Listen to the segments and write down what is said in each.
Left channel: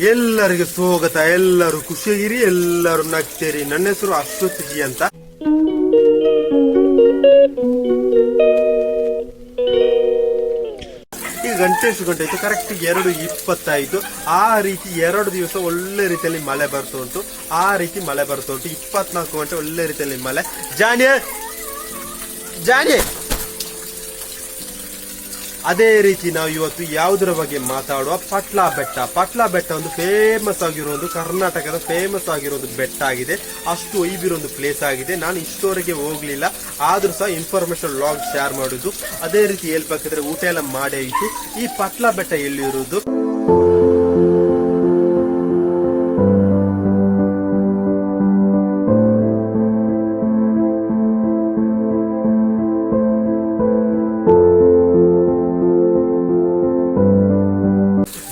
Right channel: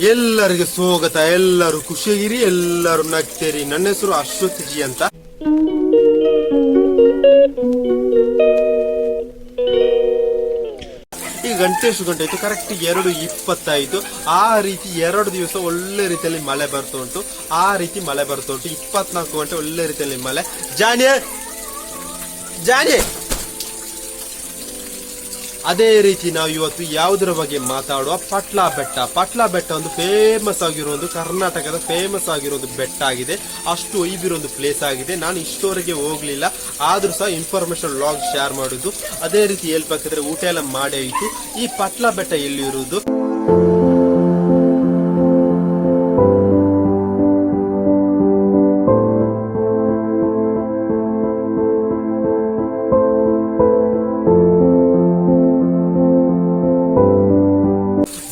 ಎಲ್ಲರಿಗೆ ಸ್ವಾಗತ, ಎಲ್ಲರೂ ಖುಷಿಯಾಗಿರಿ ಎಲ್ಲರೂ ನಗ್ತೇರಿ. ನನ್ನ ಹೆಸರು ಅಶ್ವಥ್ ಜಿ ಅಂತ. ಈ ಗಂಟೆ ಎಷ್ಟು ಗಂಟೆ ಆಯ್ತು? ಕರೆಕ್ಟ್ ಎರಡು ಇಪ್ಪತ್ತಾಯ್ತು ಆ ರೀತಿ ಎರಡು ದಿವಸ ಒಳ್ಳೆ ರೀತಿಯಲ್ಲಿ ಮಳೆ ಬರ್ತಾ ಉಂಟು. ಆ ರೀತಿ ಮಳೆ ಬರ್ತಾ ಉಂಟು. ಇಪ್ಪತ್ನಾಲ್ಕು ಗಂಟೆ ಒಳ್ಳೆ ರೀತಿಯಲ್ಲಿ ಮಳೆ. ಜಾನೆ ಜಾನೆ ಅದೇ ರೀತಿ ನಾವು ಇವತ್ತು ಯಾವುದರ ಬಗ್ಗೆ ಮಾತಾಡುವ ಪಟ್ಲಾ ಬೆಟ್ಟ. ಪಟ್ಲಾ ಬೆಟ್ಟ ಒಂದು ಫೇಮಸ್ ಆಗಿರೋ ಒಂದು ಕರ್ನಾಟಕದ ಫೇಮಸ್ ಆಗಿರೋ ಒಂದು ಬೆಟ್ಟ ಆಗಿದೆ. ಅಷ್ಟು ಒಯ್ದಿರೋ ಒಂದು ಪ್ಲೇಸ್ ಆಗಿದೆ. ನಾನು ಇಷ್ಟವರೆಗೆ ಹೋಗ್ಲಿಲ್ಲ. ಆದ್ರೂ ಸಹ ಇನ್ಫಾರ್ಮೇಶನ್ ಲಾಗ್ ಶೇರ್ ಮಾಡುದು. ಅದೇ ರೀತಿ ಹೇಳ್ಬೇಕಾದ್ರೆ ಊಟ ಎಲ್ಲ ಮಾಡೇ ಇತ್ತು. ಈ ಪಟ್ಲಾ ಬೆಟ್ಟ ಎಲ್ಲಿರುವುದು?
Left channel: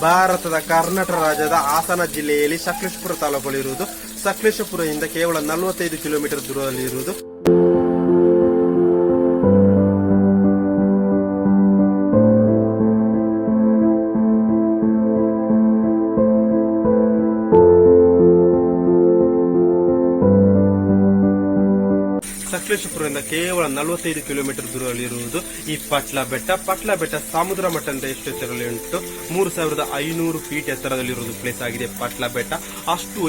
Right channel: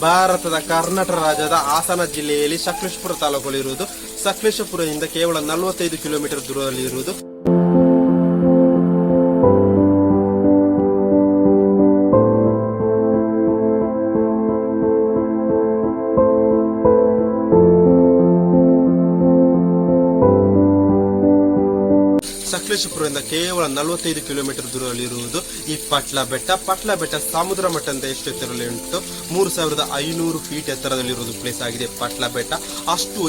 ಭಾರತದ ಕರ್ನಾಟಕ ರಾಜ್ಯದ ಹಾಸನ ಜಿಲ್ಲೆಯಲ್ಲಿ ಸಕಲೇಶಪುರ ತಾಲೂಕಲ್ಲಿರುವುದು. ಸಕಲೇಶಪುರದಿಂದ ಕೇವಲ ನಲವತ್ತೈದು ಕಿಲೋಮೀಟರ್ ದೂರದಲ್ಲಿರುವುದು. ಸಕಲೇಶಪುರದಿಂದ ಕೇವಲ ನಲವತ್ತೈದು ಕಿಲೋಮೀಟರ್ ದೂರದಲ್ಲಿರುವುದು ಈ ಪಟ್ಲ ಬೆಟ್ಟ. ಪಟ್ಲ ಬೆಟ್ಟ ಸಮುದ್ರ ಮಟ್ಟದಿಂದ ಎಷ್ಟು ಎತ್ತರದಲ್ಲಿ ಉಂಟು? ಮೂರು ಸಾವಿರದ ಐನೂರು ಫೀಟ್ ಎತ್ತರದಲ್ಲಿರುವುದು ಪ್ಲೇಸ್ ಆಗಿದೆ ಪಟ್ಲ ಬೆಟ್ಟ. ಅಷ್ಟು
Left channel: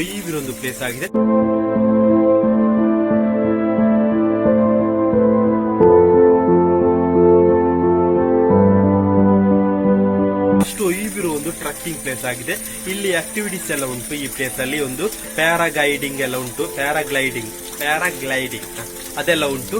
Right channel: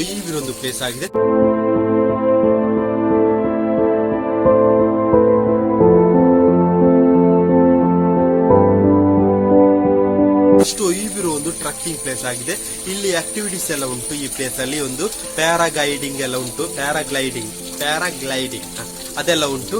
ಒಂದು ಪ್ಲೇಸ್ ಆಗಿದೆ. ಅಷ್ಟು ಒಂದು ಟ್ರಕ್ಕಿಂಗ್ ಪ್ಲೇಸ್ ಆಗಿದೆ. ಇಲ್ಲಿ ಆಕ್ಟಿವಿಟೀಸ್ ಎಲ್ಲ ಉಂಟು ಈ ಪ್ಲೇಸ್ ಅಲ್ಲಿ. ಒಂದು ಪ್ಯಾರಾಗೈಡಿಂಗ್ ಎಲ್ಲ ಉಂಟು. ಪ್ಯಾರಾಗ್ಲೈಡಿಂಗ್ ಪ್ಯಾರಾಗ್ಲೈಡಿಂಗ್ ಅದೆಲ್ಲ ಉಂಟು.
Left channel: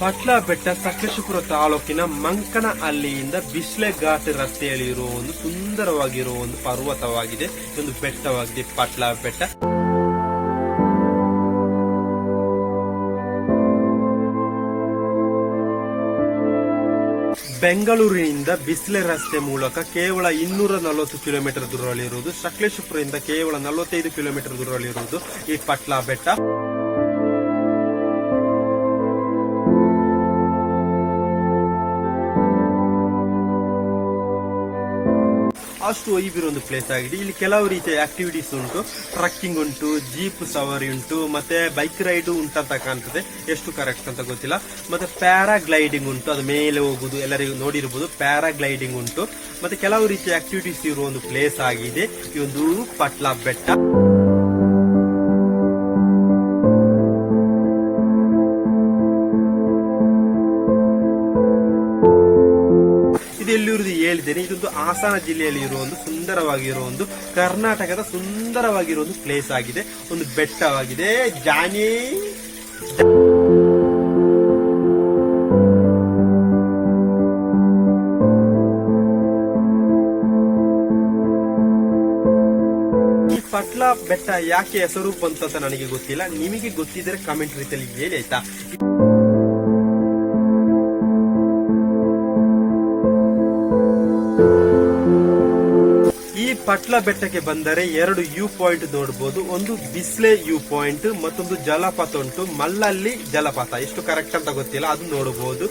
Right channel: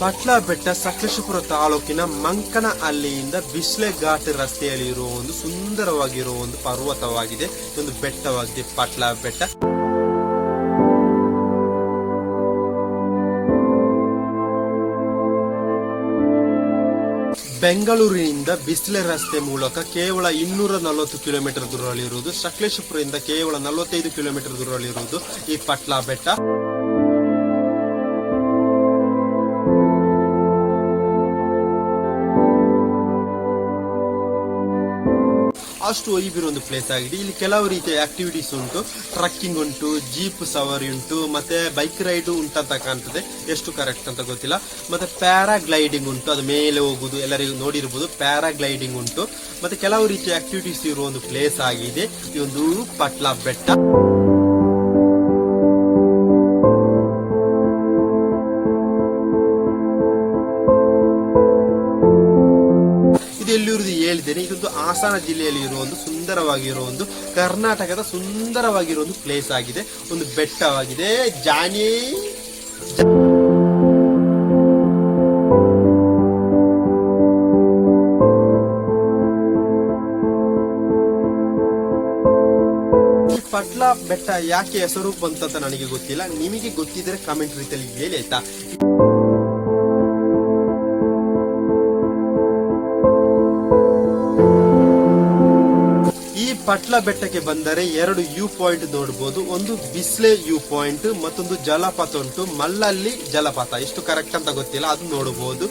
ಪಟ್ಲ ಬೆಟ್ಟ ಸಕಲೇಶಪುರ ತಾಲೂಕಿನ ಮಂಕನ ಅಲ್ಲಿಯಿಂದ ಬಿಸ್ಲೆ ಘಾಟ್ ರಸ್ತೆಯಲ್ಲಿ ಇರುವ ಒಂದು ಸುಂದರವಾಗಿರುವ ಒಂದು ಪರ್ವತವಾಗಿದೆ. ಒಂದು ಬೆಟ್ಟವಾಗಿದೆ ಪಟ್ಲ ಬೆಟ್ಟ ಬೆಂಗಳೂರಿನಿಂದ ಬಿಸ್ಲೆ ರಸ್ತೆ ಮೂಲಕ ಕೇವಲ ಇನ್ನೂರ ನಲವತ್ತು ಕಿಲೋಮೀಟರ್ ದೂರದಲ್ಲಿರುವುದು ಸಕಲೇಶಪುರದಿಂದ ಕೇವಲ ನಲವತ್ತೈದು ಕಿಲೋಮೀಟರ್ ದೂರದಲ್ಲಿರುವುದು ಈ ಪಟ್ಲಾ ಬೆಟ್ಟ ಅಷ್ಟು ಒಯ್ಬಿರೋ ಒಂದು ಪ್ಲೇಸ್ ಆಗಿದೆ. ಇಲ್ಲಿ ಕೆಲವು ರೀತಿಯ ಆಕ್ಟಿವಿಟೀಸ್ ಉಂಟು. ಟ್ರಕ್ಕಿಂಗ್ ಉಂಟು ಜೀಪ್ ಸವಾರಿ ಉಂಟು, ಮತ್ತೆ ಬೈಕ್ ರೈಡ್ ಉಂಟಂತ ಕಾಣ್ತದೆ. ಎಷ್ಟು ಕರೆಕ್ಟ್ ಅಂತ ಗೊತ್ತಿಲ್ಲ. ಮತ್ತೆ ಪ್ಯಾರಾಗ್ಲೈಡಿಂಗ್ ಉಂಟು. ಅದು ಮೇಲೆ ಹೋಗುದು, ಎಲ್ಲರಿಗೂ ನೋಡಿರ್ಬೋದು. ಪ್ಯಾರಾಗ್ಲೈಡಿಂಗ್ ಉಂಟು. ಮತ್ತೆ ಕೆಲವು ರೀತಿಯ ಆಕ್ಟಿವಿಟೀಸ್ ಇರುವ ಒಂದು ಪ್ಲೇಸ್ ಆಗಿದೆ. ಈ ಪಟ್ಲ ಬೆಟ್ಟ. ಎಲ್ಲಿರುವುದು ಹೇಳಿದ್ದೇನೆ. ಇದೊಂದು ಹಾಸನ ಜಿಲ್ಲೆಯಲ್ಲಿ ಇರುವ ಒಂದು ಸುಂದರವಾಗಿರುವ ಒಂದು ಕರ್ನಾಟಕದ ಸುಂದರವಾಗಿರುವ ಒಂದು ಪ್ಲೇಸ್ ಆಗಿದೆ. ಒಂದು ಬೆಟ್ಟವಾಗಿದೆ. ಜಾನಿ. ಪಟ್ಲ ಬೆಟ್ಟ ಯಾಕೆ ಹೆಸರು ಬಂತ ನನಗೆ ಗೊತ್ತಿಲ್ಲ. ನಿಮಗೆ ಗೊತ್ತಿದ್ರೆ ಕಮೆಂಟ್ ರೀತಿಯಲ್ಲಿ ಹೇಳಿ, ಆಯ್ತಾ? ಪಟ್ಲ ಬೆಟ್ಟಕ್ಕೆ ಬಂದರೆ ಎರಡು ಯು ಪಾಯಿಂಟ್ ನೋಡಬಹುದು ಒಂದು ಬಿಸ್ಲೆ ಯು ಪಾಯಿಂಟ್ ಮತ್ತೊಂದು ಜಲಪಾತ ಉಂಟು. ಮಲ್ಲಲ್ಲಿ ಜಲಪಾತ. ಎಷ್ಟು ಕರೆಕ್ಟ್ ಅಂತ ಗೊತ್ತಿಲ್ಲ, ಅದು ನೋಡಬಹುದು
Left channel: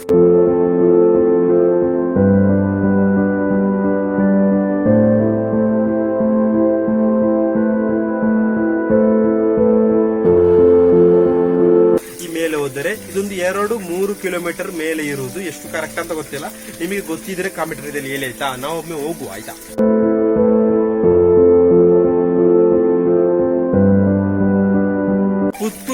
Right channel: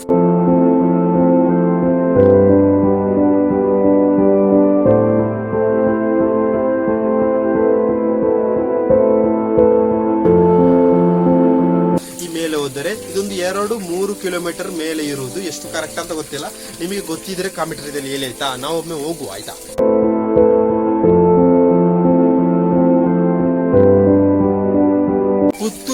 ಹೋದರೆ ಇದೊಂದು ಎರಡು ಮೂರು ಕಿಲೋಮೀಟರ್ ಮೇಲೆ ಇರುವುದು. ಎಷ್ಟು ಕರೆಕ್ಟ್ ಅಂತ ಗೊತ್ತಿಲ್ಲ. ನಿಮಗೆ ಗೊತ್ತಿದ್ರೆ ಕಾಮೆಂಟ್ ಇದೆ ಹೇಳಿ, ಆಯ್ತಾ? ನಾವೊಮ್ಮೆ ಹೋಗುವ, ಆಯ್ತಾ?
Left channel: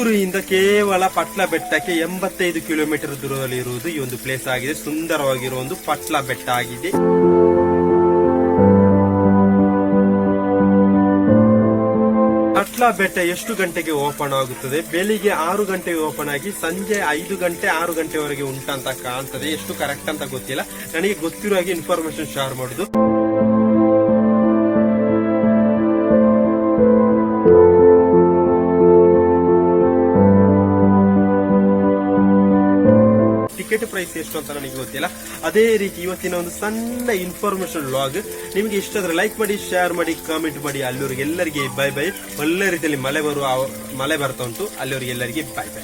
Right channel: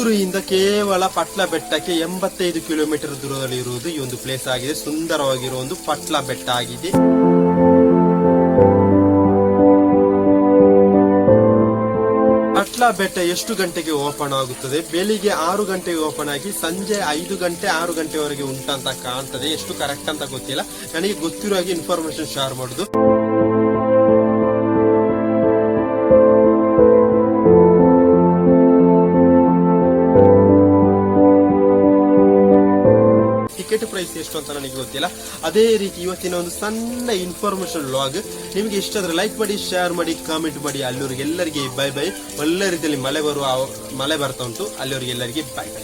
ಪುತ್ತೂರಿಯಿಂದ ಕೇವಲ ಪಟ್ಲ ಬೆಟ್ಟಕ್ಕೆ ಎಂಬತ್ತೈದು ಕಿಲೋಮೀಟರ್ ದೂರದಲ್ಲಿ ಇರುವುದು ಈ ಒಂದು ಪ್ಲೇಸ್ ಆಗಿದೆ. ಸುಂದರವಾಗಿರುವ ಒಂದು ಪಟ್ಲ ಬೆಟ್ಟ ಆಗಿದೆ. ಪಟ್ಲ ಬೆಟ್ಟ ಎಷ್ಟು ಗಂಟೆಗೆ ಓಪನ್ ಆಗುತ್ತದೆ? ಬೆಳಿಗ್ಗೆ ಆರು ಗಂಟೆಗೆ ಓಪನ್ ಆಗಿ ಸಂಜೆ ಐದು ಗಂಟೆ, ಆರು ಗಂಟೆವರೆಗೆ ಉಂಟಂತ ಕಾಣ್ತದೆ. ಎಷ್ಟು ಕರೆಕ್ಟ್ ಅಂತ ಗೊತ್ತಿಲ್ಲ. ನನಗೆ ಗೊತ್ತಿರೋ ಹಾಗೆ ಇನ್ಫಾರ್ಮೇಶನ್ ಶೇರ್ ಮಾಡುದು. ಟಿಕೆಟ್ ಪ್ರೈಸ್ ಎಷ್ಟು ಅಂತ ನನಗೆ ಗೊತ್ತಿಲ್ಲ. ಅದೇ ರೀತಿ ಇವತ್ತಿನ ಒಂದು ಸಣ್ಣ ಇನ್ಫಾರ್ಮೇಶನ್ ಲಾಗ್ ನಿಮಗೆ ಇಷ್ಟ ಆದ್ರೆ ಲೈಕ್ ಮಾಡಿ ಶೇರ್ ಮಾಡಿ ಕಾಮೆಂಟ್ ಮಾಡಿ. ಅಲ್ಲಿವರೆಗೆ ಎಲ್ಲರಿಗೆ ಬೈ ಬೈ ಒಳ್ಳೆ ರೀತಿಯಲ್ಲಿ ಮಳೆ ಬರುವ ಮಳೆ ಬರ್ತಾ ಉಂಟು. ಅಲ್ಲಿವರೆಗೆ ಎಲ್ಲರಿಗೆ ಬೈ ಬೈ